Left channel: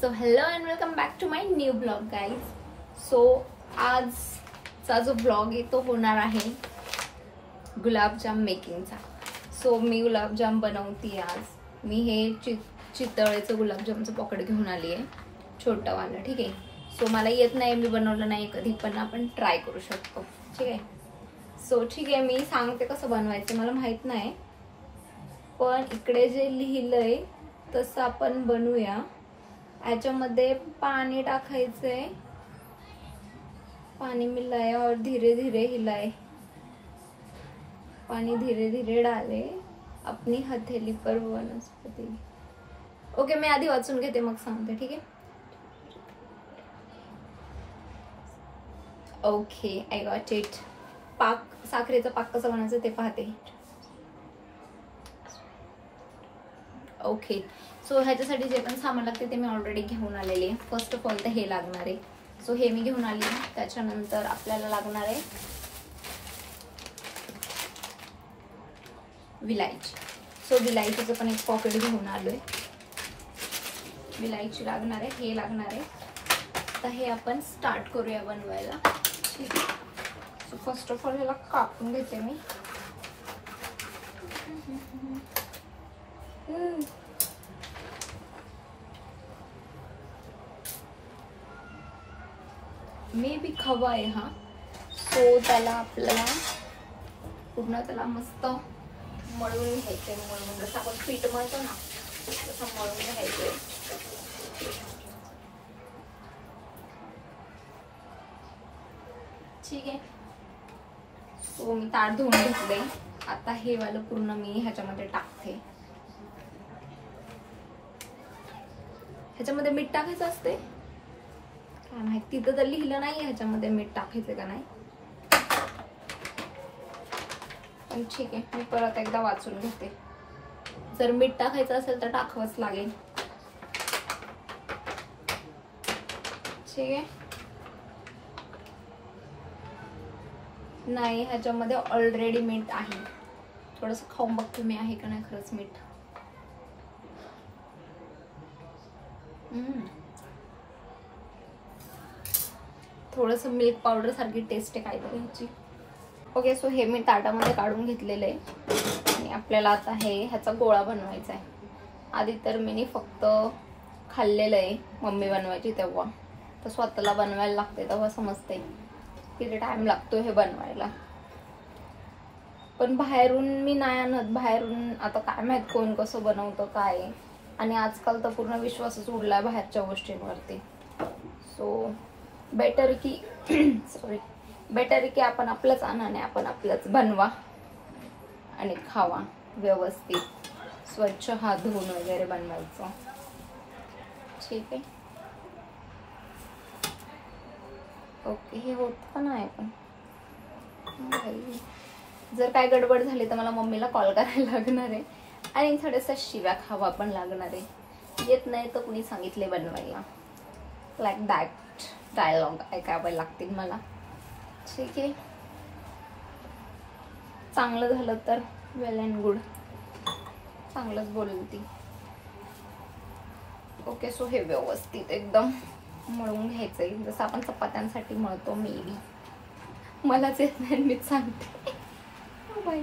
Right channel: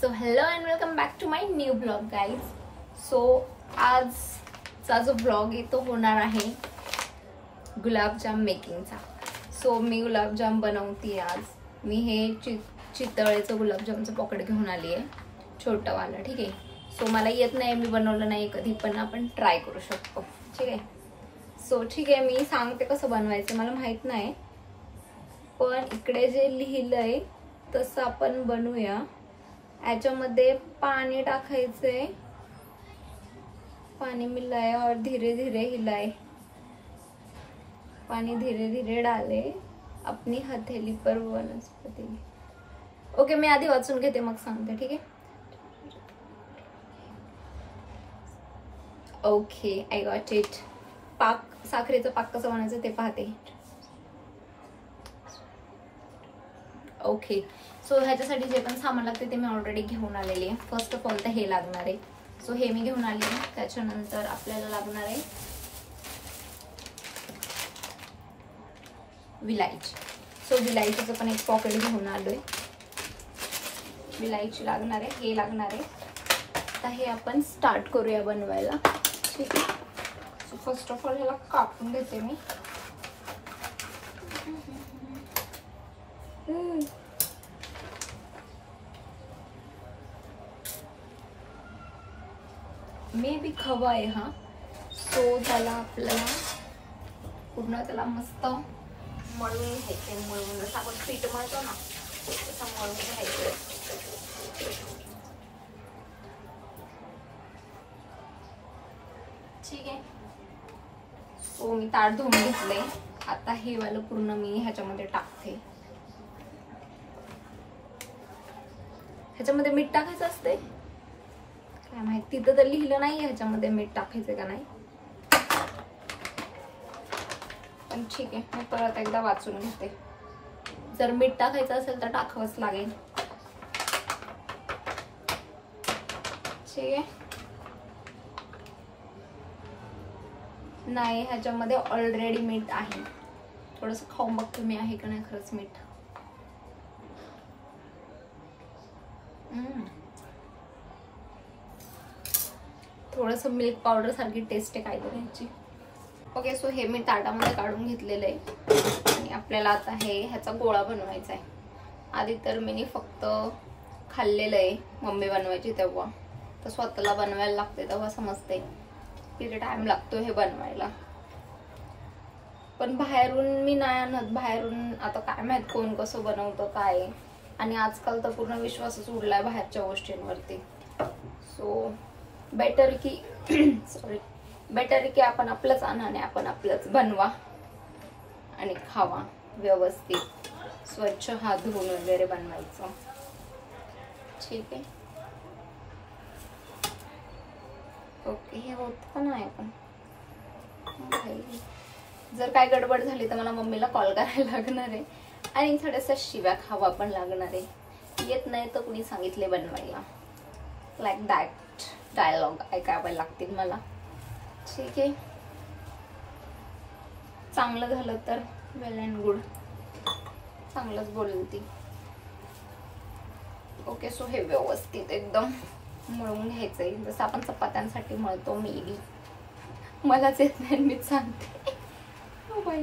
So hello and welcome back to my new blog guys. So आजचा जो blog आहे तो होणार आहे गुलाबजाम मेकिंगचा. सो मी गुलाबजाम बनवते आज. मी हे चितळेचं गुलाबजामचं पॉकेट घेऊन आली आहे, छोटं वालं. ठीक आहे. सो मला येत नाही, मी बनवलं नाही कधी, पण आपण ट्राय करू शकतो. ठीक आहे. सो ठीक आहे, मी सांगते कसं बनवायचं. मला माहित नाही, पण इकडे जे लिहिलंय तसं आपण बनवूया. याच्यामध्ये पानी टाकायचंय. पानी मिलाया और धीरे धीरे हिलाए. पानी धीरे धीरे डाले अपनी हथेली पर वनस्पति. ओके, मी आधी वाचून घेते मग सांगते. ठीक आहे. Okay, I got it. साखरेचा पाक कसा बनायचा ते पाहते. ओके. सो ह्याच्यासाठी जे पण सामान लागते ते मी ऑलरेडी घेऊन आलेली आहे. फर्स्ट ऑफ ऑल तर हे लागणार आहे. सो हे मी घेऊन आली आहे. त्याच्यानंतर आपल्याला लागणार आहे विलायची. सो विलायचीचं पण एक पॉकेट घेऊन आलोय. विलायची लागणार आहे, हे लागणार आहे. आता हे आपण स्टार्ट करूया बनवायला. ठीक आहे. सो फर्स्ट ऑफ ऑल ह्याला कापून घेते मी. मे बी खवा आहे हा. सो त्याला आपल्याला पूर्ण त्याला मस्त मळून घ्यायचे. मळून जसं आपण पीठ मळतो ना तसं मळून घ्यायचं. ठीक आहे. सो मी ताट धुवून घेतले. आता हे वालं पूर्ण मी ह्याच्यामध्ये टाकते. ह्याच्यामध्ये मीठ टाकायचं असते काय माहिती, तिथं तर लिहिलं नाही ह्याच्यामध्ये मीठ टाकायचं का नाही, पण ठीक आहे. मी परत एकदा वाचून घेते. जर मीठ टाकायचं असेल तर टाकावंच लागेल. ठीक आहे. नाही, ह्याच्यामध्ये ऑलरेडी मीठ आहे. थोडंसं खाऊन बघते मी आहे का नाही खरंच मीठ. थोडस मिल्क पावडर सारखी टेस्ट आहे काहीतरी ह्याची. ओके. सो हे मी ताटामध्ये काढून घेतलेलं आहे आणि आपल्याला आता ह्याचा गोळा बनवायचा आहे. आधी तर मी फक्त खाल्लेलं आहे मम्मी बनवायची तेव्हा, तर स्वतःला बनवायला लागते तेव्हा समजते किती टाइम लागतो हे बनवायला. पण बाहेरून मी नाही आणत. बाहेरून आता काय माहित कोण कसं बनवतं काय. आणि आजकाल तर पूर्ण विश्वासच उडलाय बाहेरच्या गोष्टींवरती. सो बेटर की आपण आपलंच आणा आणि आपण आपलंच बनवा आणि खावा. व्यवस्थित स्वच्छ हात धुवून वगैरे बनवायचं. ठीक आहे. ओके. हे होत पण आहे. पण जर काय गडबड झाली तर मला मम्मीला कॉल करायला लागणार आहे आणि थोड्याशा शिव्या खावा पण लागणार आहे. येत नाही तर कुणी सांगितले बनवायला, लाईक दॅट डायलॉग ऐकावे लागतील मला. ठीक आहे. चांगलं झालं तर वेल अँड गुड, चांगलंच बोलली ती. ओके. सो हे व्यवस्थित एकदम मळून घ्यायचंय जसं आपण चपात्यांसाठी मळतो. मे बी मलाच येत नाही, मीच सांगते. O by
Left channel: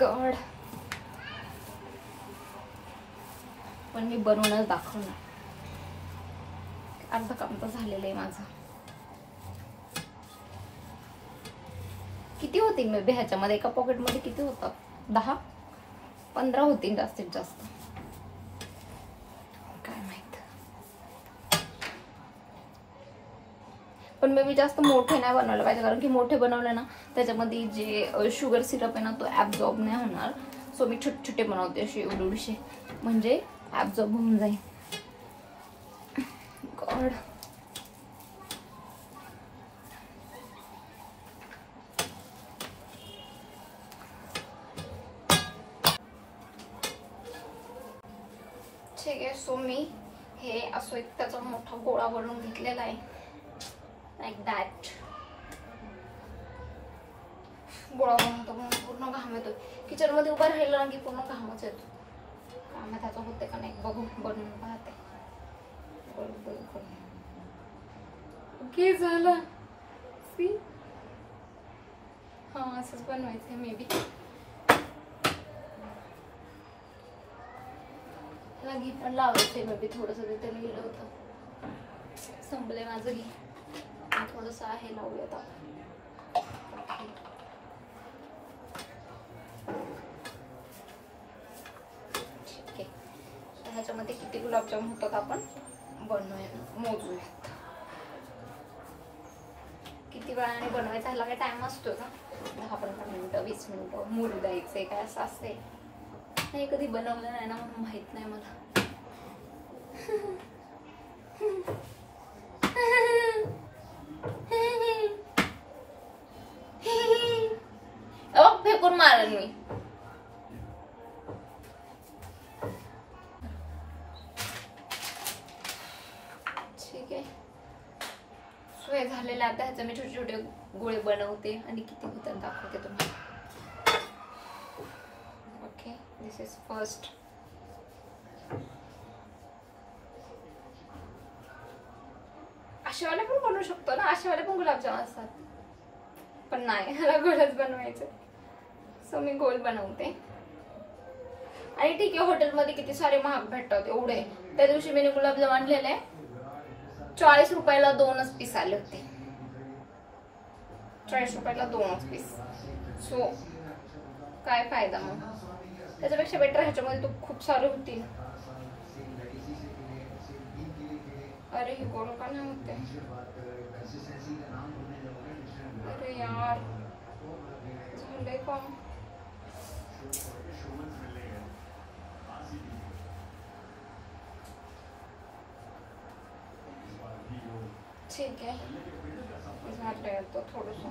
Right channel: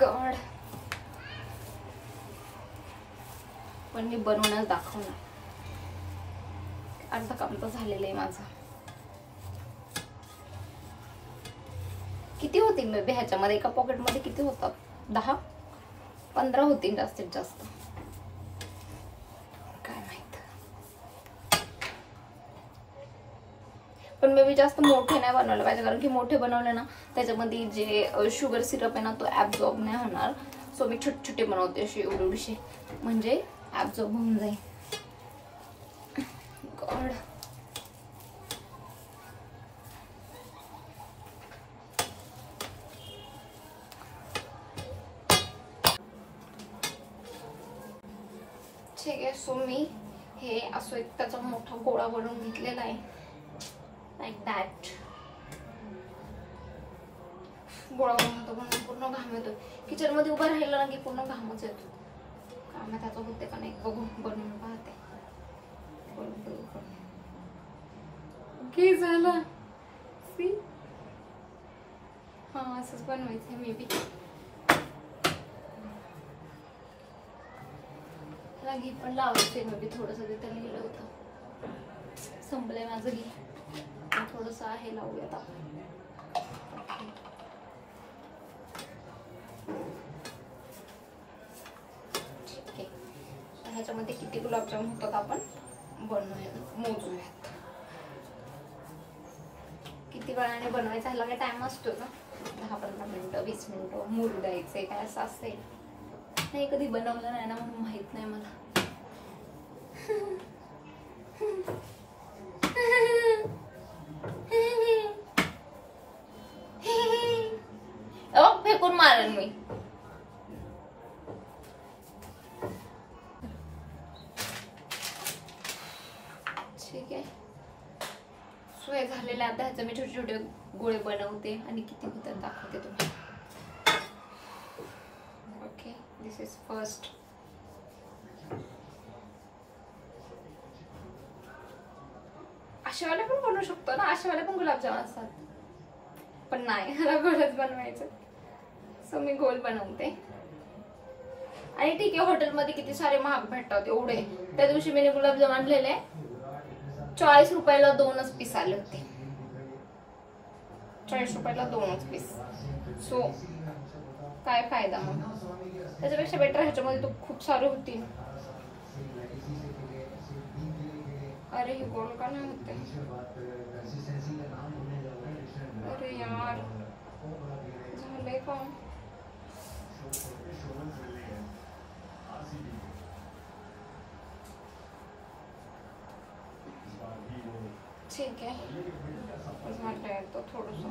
God. पण मी बनवूनच दाखवणार. अर्ध काम तर झालेलं आहे माझं. किती होतील मे बी ह्याच्यामध्ये? एका पॉकेटमध्ये किती होतात? 10-15 होतील जास्तीत जास्त, काय माहित. पण मे बी जास्त मोठे नाही बनवले पाहिजे, कारण की मोठे बनवले ना त्याच्यामध्ये जे शुगर सिरप आहे ना तो ऍब्झॉर्ब नाही होणार. सो मी छोटे छोटे बनवते असे एवढे म्हणजे ऍब्झॉर्ब होऊन जाईल. गॉड. ठीक आहे. सो मी हे असं एक त्याचा मोठा गोळा बनवून घेतलेला आहे. Like that. गोळा बनवतो म्हणून पूर्ण घाम येतो. किचन मध्ये उभा राहिला ना की पूर्ण घामच येतो. काम त्याचं होते का नाही बघू, बनवून पाहते. ओके झालं. सी हा असंच बनवायचं मे बी. घी पण लावायचे मे बी थोडंसं. ते तेल गेलं होतं, संपलंय माझं घी. थोडंसं आहे, लावूयात आपण. ठीक आहे. ह्याच्यामध्ये किती गुलाबजाम होतात आपण बनवूया, मोजूयात. किती वेळाने बनवायचा, ह्याला काही टाइम असतो ना? 10-15 मिनिटं, 20 मिनिटं मुरू द्यायचे, काय असं असेल. नाही कधी बनवलं नाही ना, म्हणून माहित नाही मला. फेकून मारन मी. ठीक आहे, सोय झालेला. आता ह्याचे मी छोटे छोटे गोळे बनवते आणि किती होतात दाखवते तुम्हाला. Okay, this is first. अशावाले पण बनवू शकतो ना, अशावाले पण गुलाबजाम असतात, पण नाही, ह्याला गोलच बनवायचं. सो मी गोल बनवते. आणि ठीक आहे, हॉटेलमध्ये किती सारे महाग भेटतात एवढे. त्या दिवशी मी गुलाबजाम आणलेले 40 रुपयाला 2च पीस आले होते. 40 रुपयाला 2च पीस. सो काय फायदा मग. त्याच्यापेक्षा बेटर ह्याच्यामध्ये तो खूप सारे होती. अरे ही गोल का नाही होते. अरे यार झालंय का. ठीक आहे, झालंय. तो थोडस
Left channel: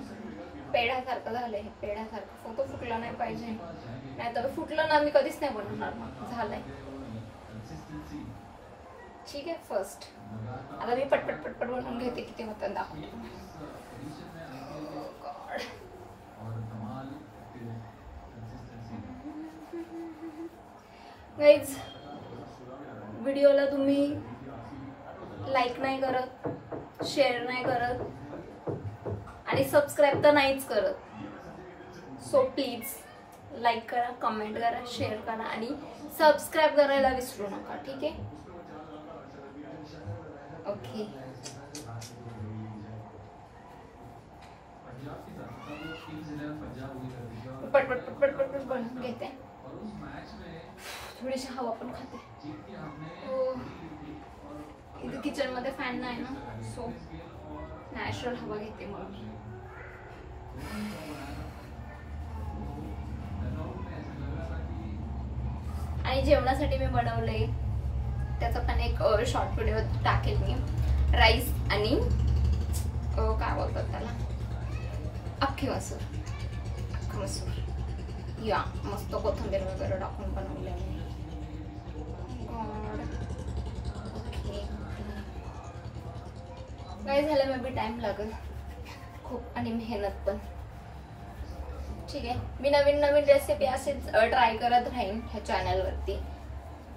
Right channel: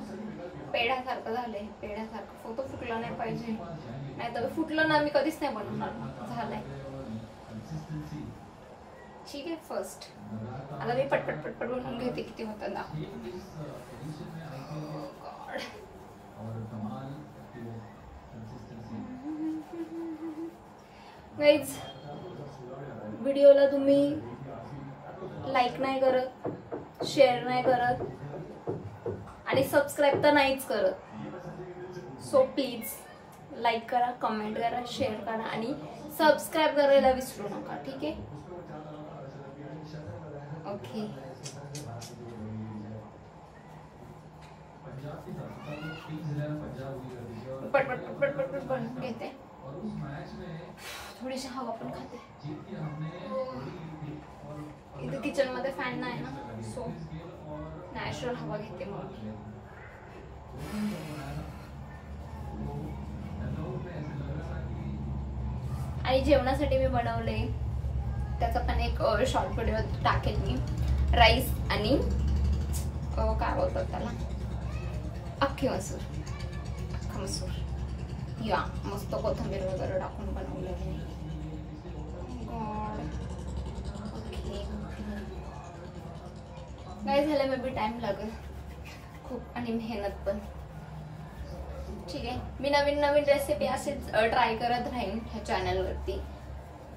पेढ्यासारखं झालंय. पेढ्यासारखं फोटो फुटला नाही पाहिजे, नाही तर फुटलं ना मी कधीच नाही बनवणार. झालंय. ठीक आहे, फर्स्ट आता मी पटपट पटपट बनवून घेते. किती होतं दाखवते. गाईज, व्हिडिओला तुम्ही लाईक नाही करत, शेअर नाही करत आणि सबस्क्राईब तर नाहीच करत. सो प्लीज लाईक करा, कमेंट करा, शेअर करा आणि सबस्क्राईब करायला विसरू नका. ठीक आहे, ओके. पटपट पटपट पटपट बनवून घेते. थोडीशी हवा पण खाते. इथे किचन मध्ये फॅन नाही ना, सो नॅचरल हवा घेते मग. आणि जेवणासाठी मी बनवले त्याचा पण एक शॉर्ट व्हिडिओ टाकेल मी. राईस आणि काय बोलतात त्याला, अख्खे मसूर. अख्खा मसूर या मस्त कोथिंबीर वगैरे टाकून बनवले मी. ओके, काय झालं मे बी टाइम लागेल खूप आणि मेहनत पण. ठीक आहे, मी नवीन नवीन रेसिपी असेच ट्राय करत राहीन ह्या चॅनलवरती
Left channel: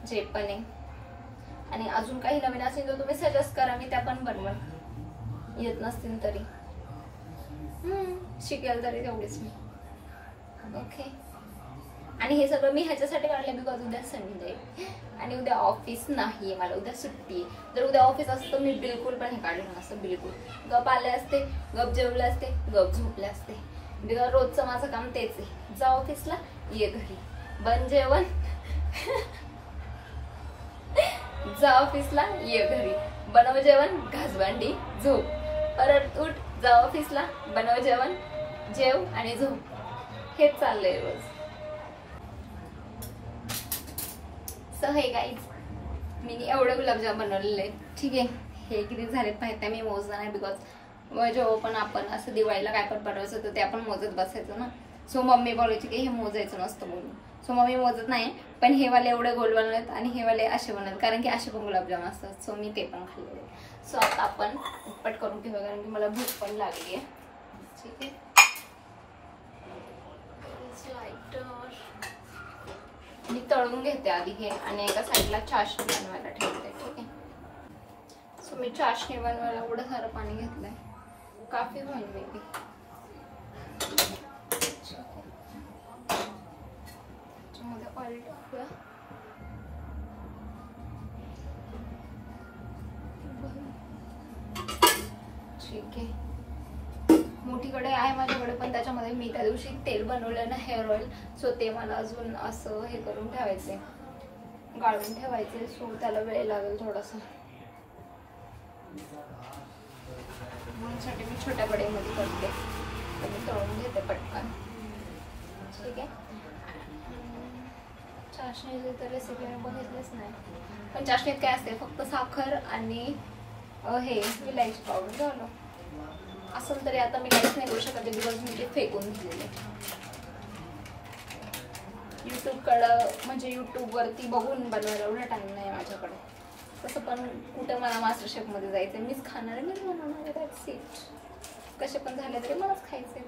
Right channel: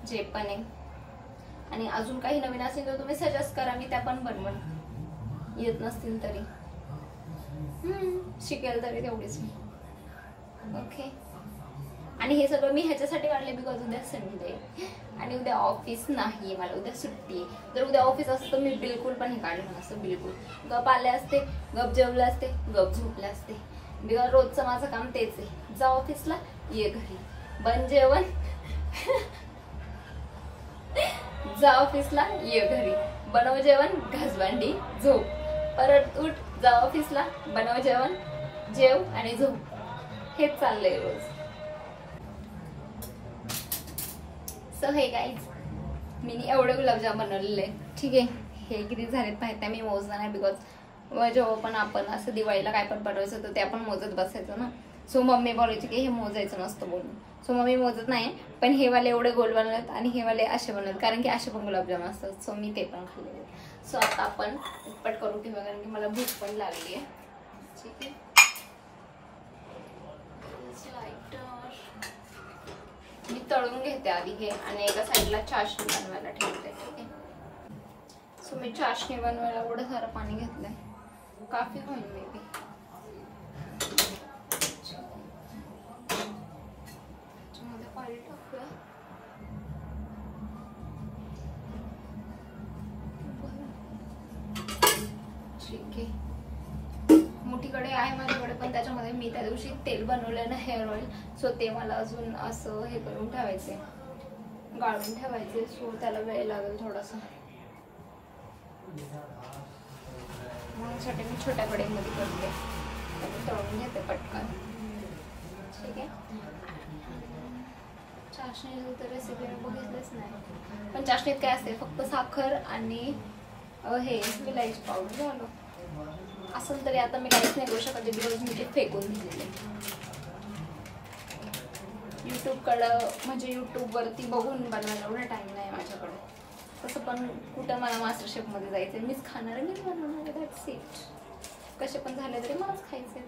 जे पण आहे. आणि अजून काही नवीन असेल तर तुम्ही सजेस्ट करा, मी त्या पण बनवून. येत नसतील तरी शिकेल तरी तेवढीच मी. ओके, आणि हे सगळं मी ह्याच्यासाठी काढले बिकॉज उद्या संडे आणि उद्या ऑफिस नाही, मला उद्या सुट्टी आहे. जर उद्या ऑफिस असतं तर मी बिलकुल पण हे काढलं नसतं. बिलकुल गप आले असते, गप जेवले असते, गप झोपले असते. बिकॉज रोजचं माझं काम तेच आहे. जा ऑफिसला, ये घरी, बन जेवण, जा ऑफिसला, ये घरी, बनव जेवण, घास भांडी, झोप, परत उठ, जा ऑफिसला, बनव जेवण, जेव आणि झोप. हेच चाललंय रोज. सो हे गाईज, मी एवढे गुलाबजाम बनवलेले. ठीक आहे, हे किती झालेत माहिती आहे, मी मोजला नाही बिकॉज जेव्हा पण आपण असं दिवाळीला काय पण बनवायचं होतं ते आपण मोजत बसायचो ना. सो मम्मी बोलायची की हे मोजायचं नसतं म्हणून. सो मम्मी मोजत नाही, पण हे वाले एवढे गोल बनवलेत आणि हे वाले असे बनवलेत कारण की असे पण गुलाबजाम असतात. सो मी ते पण खाल्लेले. सो आता आपण पटपट करून ठेवा कारण की मला भूक पण लागली आहे. ठीक आहे, मी तळून घेते आधी हे आणि एका साईडला चाशणी बनवायला ठेवते. ठीक आहे, सो मी चाशणी बनवायला पुढे सारं पाणी घेतलंय, काफी होईल मे बी. ऑइल टाकूया. ठीक आहे. मोठीकडे आहे माझ्याकडे, पण त्याच्यामध्ये मी त्या दिवशी तेल बनवलं ना हेअर ऑइल, सो ते मला अजून असं हे करून ठेवायचे, गाळून ठेवायचे. सो त्याला वेळ लागेल थोडासा, म्हणून मी छोट्या कढईमध्ये करते आणि तळून घेते पटकन. ठीक आहे. चाशणीची तर रेसिपी मी बघितलंच नाही, पण चाशणीत काय असते, फक्त साखर आणि हे विलायची पावडर झालं. असं तरी आता मी काहीच नाही करू शकत, बिकॉज मी ते फेकून दिलेले. युट्यूबकडं म्हणजे युट्यूबवरती बघून बनवायला एवढा टाइम नाही माझ्याकडे. तसं पण कुठं मला मास्टर शेफमध्ये जायचं आहे, मीच खाणार आहे, मीच बनवणार आहे, दॅट्स इट. कसे पण झाले तरी मलाच खायचे.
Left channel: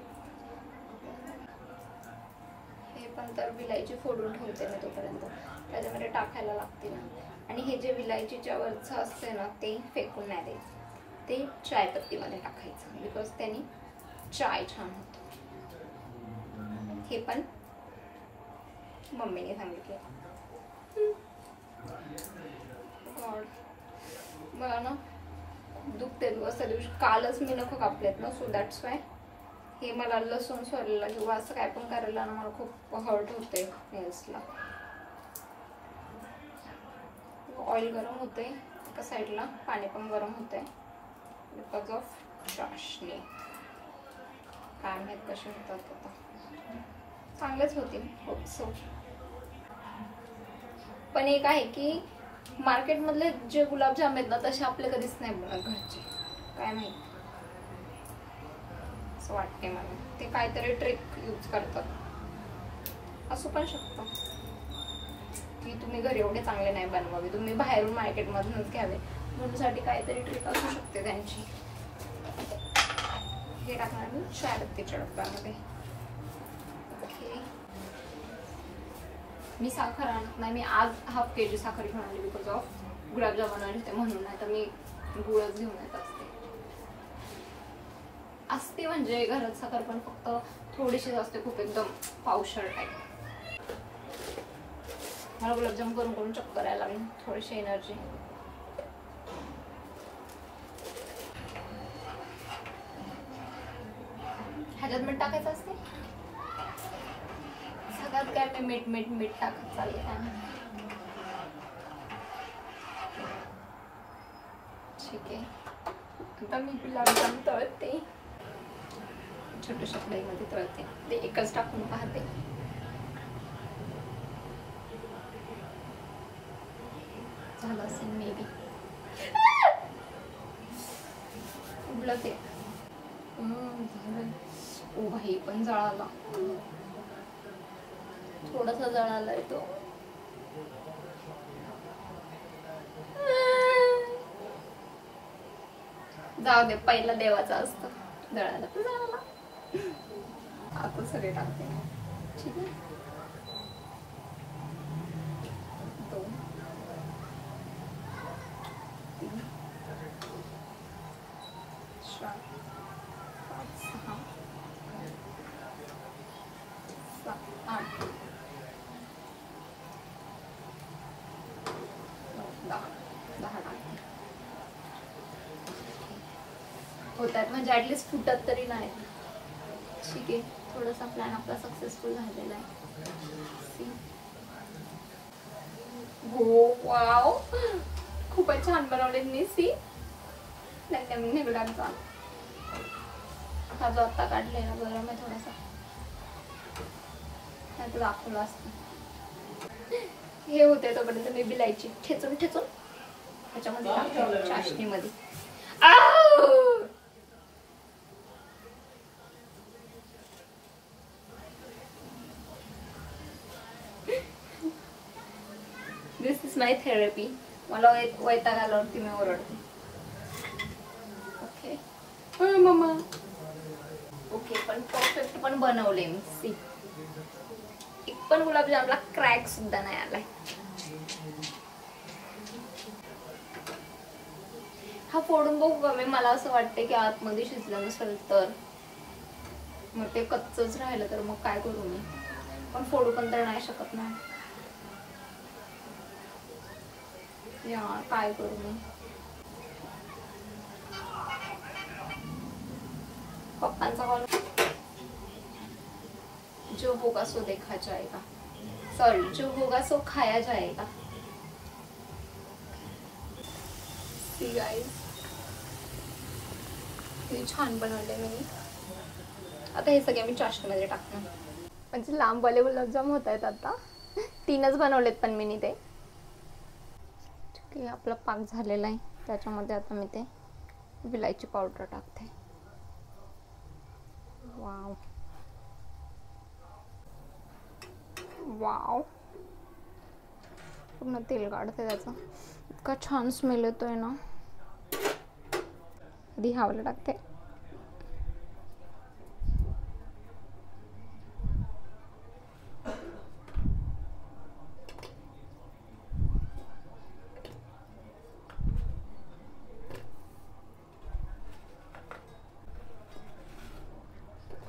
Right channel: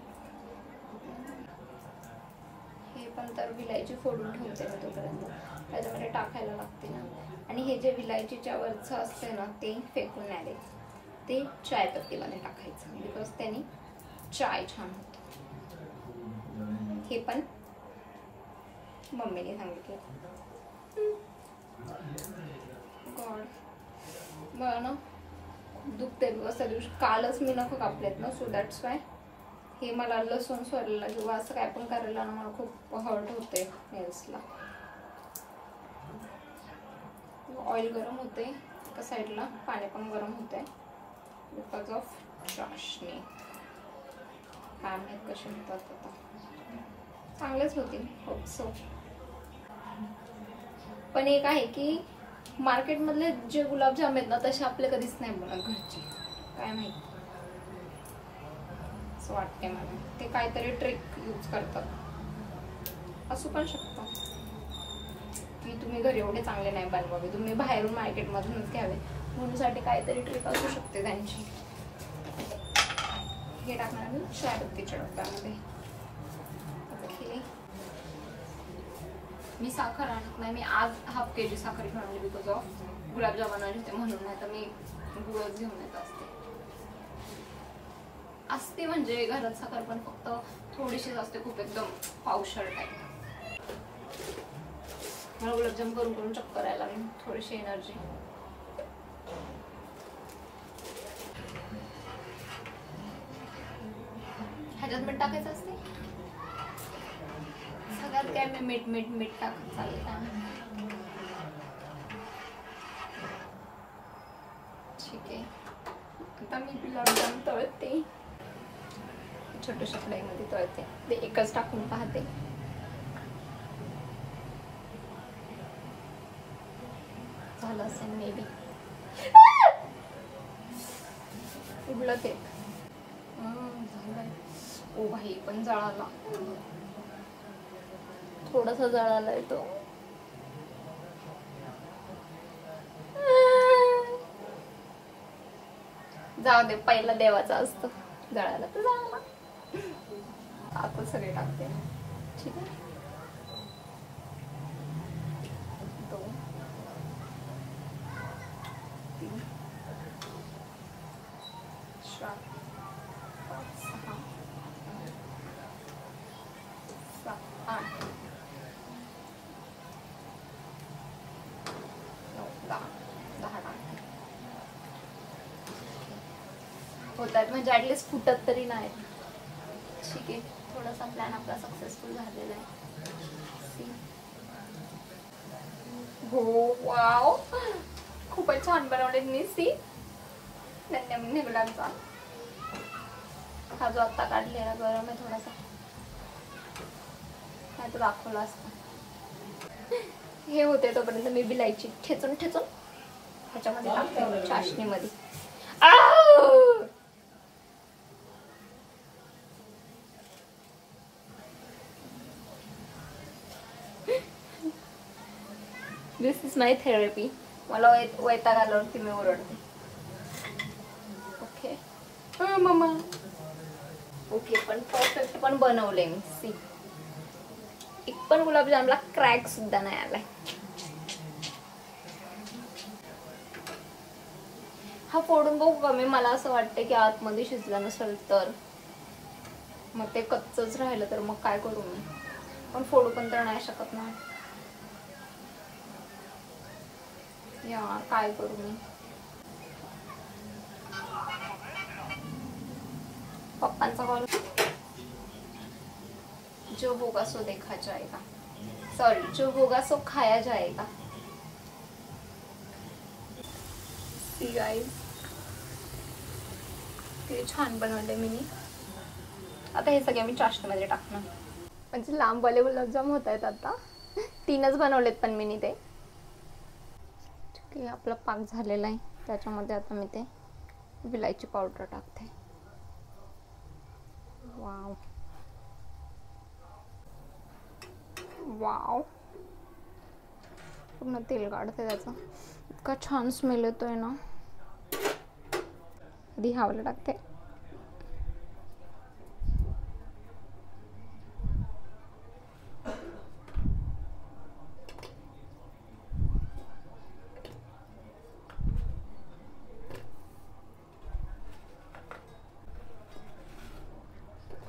हे पण तर विलायची फोडून ठेवते मी तोपर्यंत, त्याच्यामध्ये टाकायला लागते ना. आणि हे जे विलायचीच्या वरचं असते ना ते फेकून नाही द्यायचं, ते चायपत्तीमध्ये टाकायचं, बिकॉज त्याने चाय छान होतो. हे पण मम्मीने सांगितले. गॉड, मला ना खूप दुखते बिकॉज त्या दिवशी कालच मी नखं कापलेत ना, सो दॅट्स वाय. हे मला लसूण सोलायला किंवा असं काय पण करायला ना मला खूप हर्ट होते नेल्सला. ऑइल गरम होते एका साईडला, पाणी पण गरम होते बिकॉज ऑफ चाशणी. काय माहित कसे होतात आता, चांगलेच होतील होप सो. पण एक आहे की मार्केटमधले जे गुलाबजाम आहेत ना तसे आपले कधीच नाही बनत घरचे, काय माहित असं वाटते मला. ते काहीतरी ट्रिक यूज करतात, असू पण शकतं की तुम्ही घरी एवढे चांगले नाही बनवावे, तुम्ही बाहेरून मार्केटमधूनच घ्यावे, मुलीसाठी काहीतरी ट्रिक असू शकते त्यांची. हे टाकणार मी चायपत्तीच्या डब्यामध्ये. ओके, मी साखर आणत नाही, मी आज हाफ kg साखर घेऊन आली बिकॉज ऑफ गुलाबजाम बनवले होते म्हणून, नाही तर मी गुळच घेऊन येत असते. म्हणजे घरात साखर पण फक्त थोडीशीच असते, खूप एकदम पावशर टाईप. मला गुलाबजाम करून करून चक्कर यायला लागली, थोडीशी एनर्जी. ह्याच्यात मीठ टाकायचं असते, सगळ्यात काय मी मीठ मीठ मीठ टाकत चालले. ठीक आहे, आता मी गुलाबजाम तळते, छोट्याशा कढईमध्ये तळते. ते एकच टाकून पाहते. झालं असेल मे बी. उडलं ते. ओ भाई, पण जळाला, थोडासा जळाला आहे तो. जाऊ दे, पहिला देवाचा असतो, जळाला तर जळाला. आता सगळे टाकते. ठीक आहे, 2 3 4 5 6 7 8 9 10 टाकते. होतात म्हणजे ऍटलीस्ट फुटत तरी नाही. ठीक आहे, थोडासा प्लॅन आपला सक्सेसफुल झालेला आहे. हो, वाव, खूपच छान बनवले मी. सी, नवीन गुलाबजाम. हा जो आत्ता काढलेला गरम आहे थोडासा, नाही तुला दाखवलं असतं. हे होते तोपर्यंत मी बिलायची ठेचून ठेचून त्याच्यामध्ये टाकते चाशणीमध्ये. दिस इज माय थेरपी. मला वैताग आल्यावरती मी ओरडते. Okay mama. ओके, पण परफेक्ट पण बनवले मी. सी, एक पण गुलाबजामला क्रॅक सुद्धा नाही आलाय. हा फोडून बघू का मी. मला असं वाटतं की आतमध्ये शिजलं नसेल तर मग ते कच्चच राहिलं तर मग काय करू मी. पण फोडू पण तर नाही शकत ना यार, काय करू मी. पप्पांचा कॉल. जो होगा सो देखा जाएगा, सॉरी जो होगा सो खाया जाएगा. किती छान बनवले मी. आता हे सगळे मी चाशनीमध्ये टाकणार. म्हणजे लांबवाले गुलाबजाम होत आहेत आता. 3च बनवलेत पण मी ते. की आपला पाक झालेला आहे. त्याच्यामध्ये आता मी ते विलायची पावडर टाकते. वाव वाव, पूर्ण तेल काढते त्याचं. इतका छान स्मेल येतोय ना. आधी हावला टाकते.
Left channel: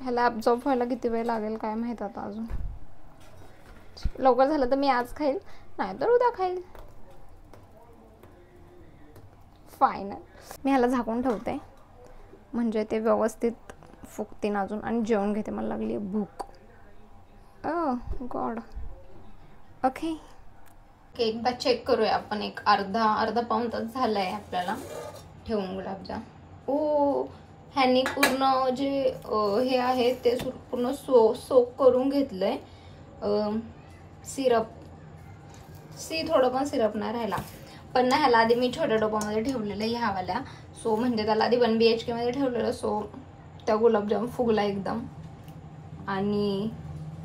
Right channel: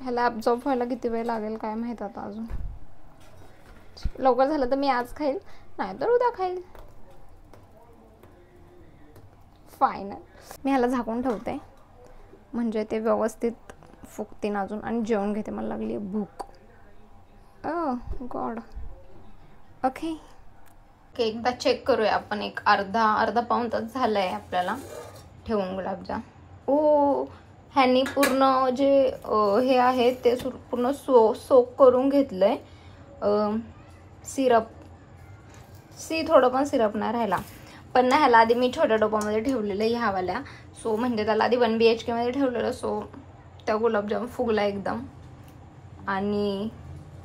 ह्याला ॲब्झॉर्ब व्हायला किती वेळ लागेल काय माहित आता. अजून लवकर झालं तर मी आज खाईल, नाही तर उद्या खाईल. फायनल. मी ह्याला झाकून ठेवते म्हणजे ते व्यवस्थित फुगतील अजून. आणि जेवण घेते, मला लागली भूक. गॉड. ओके एकदा चेक करूया आपण. एक अर्धा पाऊण तास झालाय आपल्याला ठेवून गुलाबजाम. ह्यांनी पूर्ण जे हे आहे ते पूर्ण सोक करून घेतलंय सिरप. थोडं पण सिरप नाही राहिला. पण ना ह्याला आधी मी छोट्या डोपामध्ये ठेवलेलं ह्यावाल्या. सो म्हणजे त्याला आधी 1 BHK मध्ये ठेवलेलं. सो त्या गुलाबजाम फुगला एकदम आणि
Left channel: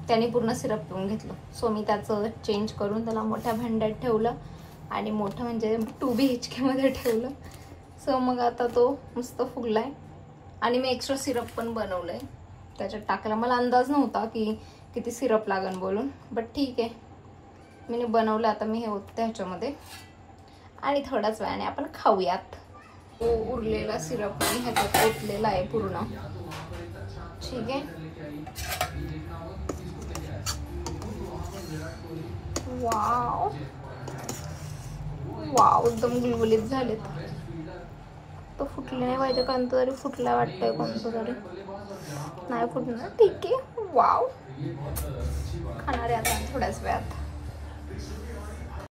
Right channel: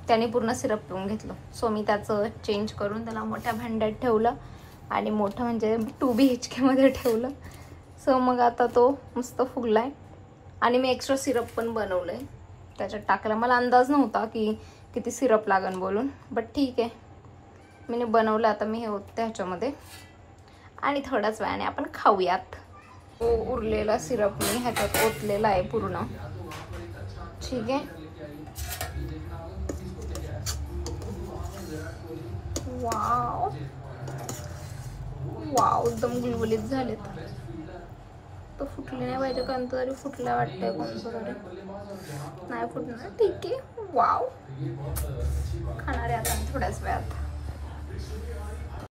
त्याने पूर्ण सिरप पिऊन घेतलं. सो मी त्याचं चेंज करून त्याला मोठ्या भांड्यात ठेवलं आणि मोठं म्हणजे 2 BHK मध्ये ठेवलं. सो मग आता तो मस्त फुगलाय. आणि मी एक्स्ट्रा सिरप पण बनवलंय त्याच्यात टाकायला. मला अंदाज नव्हता की किती सिरप लागेल बोलून, बट ठीक आहे मी बनवलं. आता मी हे होते ह्याच्यामध्ये आणि थोड्याच वेळाने आपण खाऊयात. उरलेला सिरप मी ह्याच्यात ओतलेला आहे पूर्ण. ठीक आहे. वाव वाव, एकदम गुलगुलीत झालेत. तो फुटले नाही पाहिजे, कोणतं तरी फुटला वाटतंय. कोणतं तरी नाही फुटणार. ठीक आहे. वाव, खाणार आहे आता थोड्याच वेळात.